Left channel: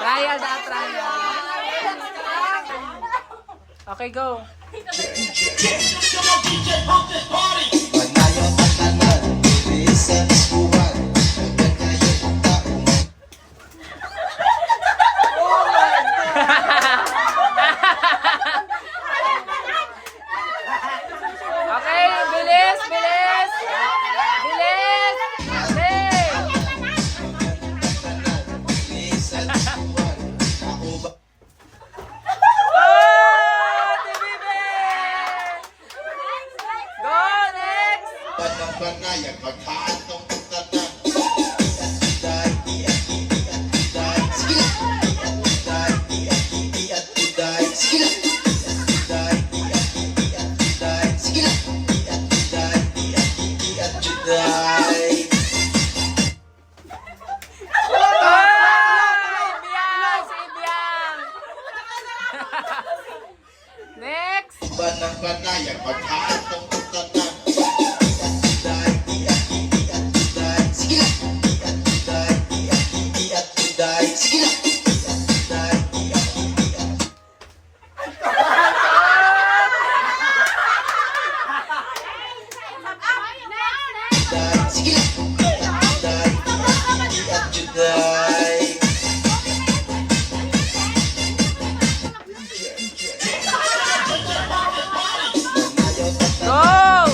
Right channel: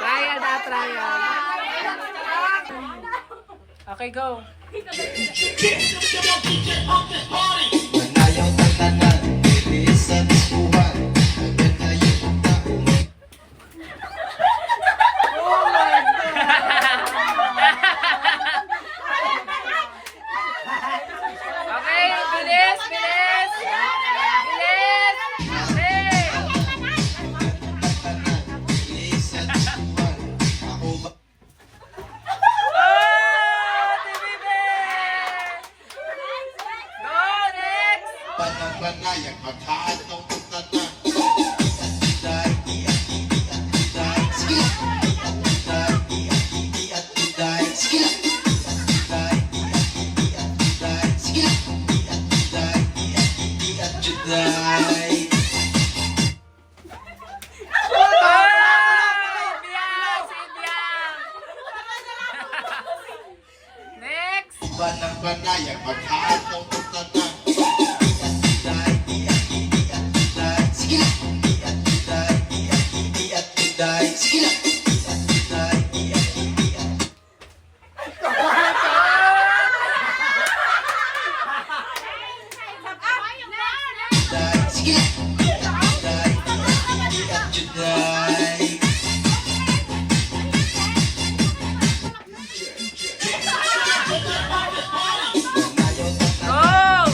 Trial na, trial. Okay, go. Manayon ang tanan, bilisan suwan. Hanggang ngayon ang tao Okay, bilis, bilis. Bilis. Bilis. bilisan suwan. Ako ba? Oh, TVB! Go, next. Banang banayan, maghaatong tanan. Ibiang, si Ibiang. Next. Banang banayan, maghaatong tanan. Go! Oh!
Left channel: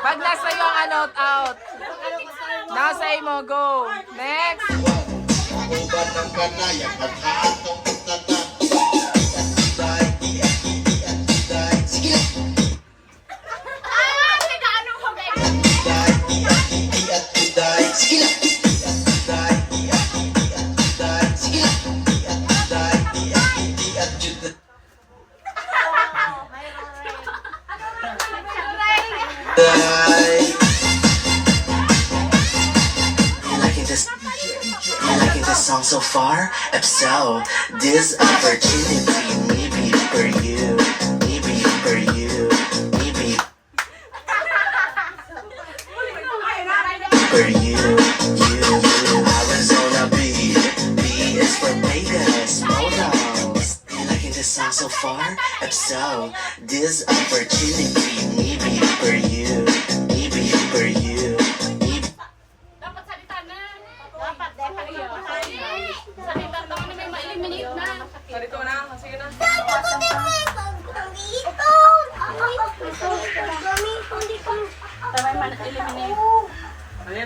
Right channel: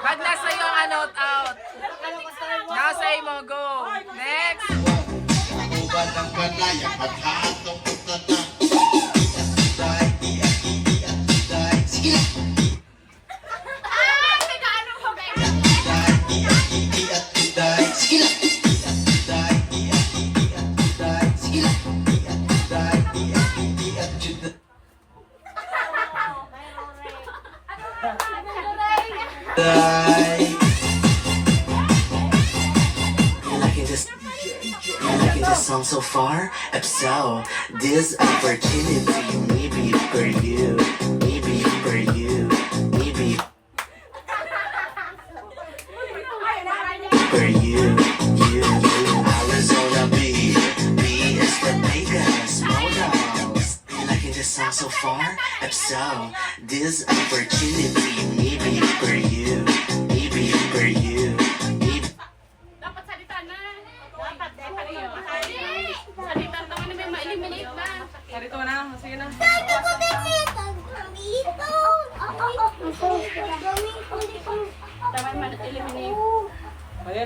Pag nasa iyo ang ano, out. Nasa mo, go. Next. Uban ng banayan, maghaatong tanan. Song so far, so this opportunity maybe for you, maybe for you, maybe for you, you. Arizona B is for Vegas, models. Liking this song so far, so this opportunity maybe for you, maybe for you, maybe. Dapat salita na. Dapat salita na. May ma-eliminate na. Sarito na, sige na. Tama yung ma-eliminate. Ayan.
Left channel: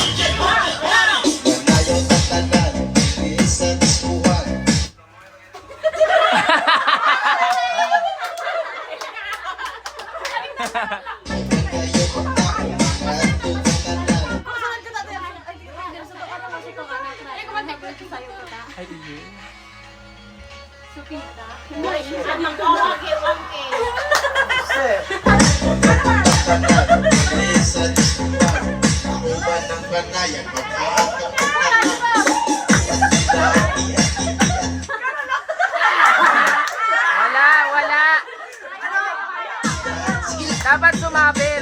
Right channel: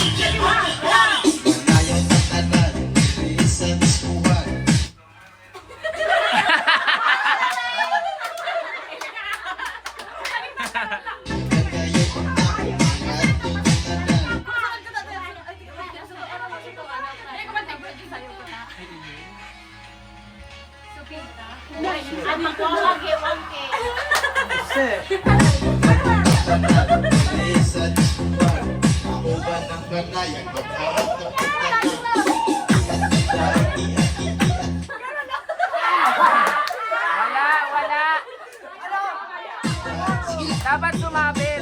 Manayon ang tanan, bilisan suwan. Hanggang ngayon ang tao, atong tanan. Bilisan suwan. Uban ng banayan, maghaatong tanan. Wala, wala. Dapat sumabit.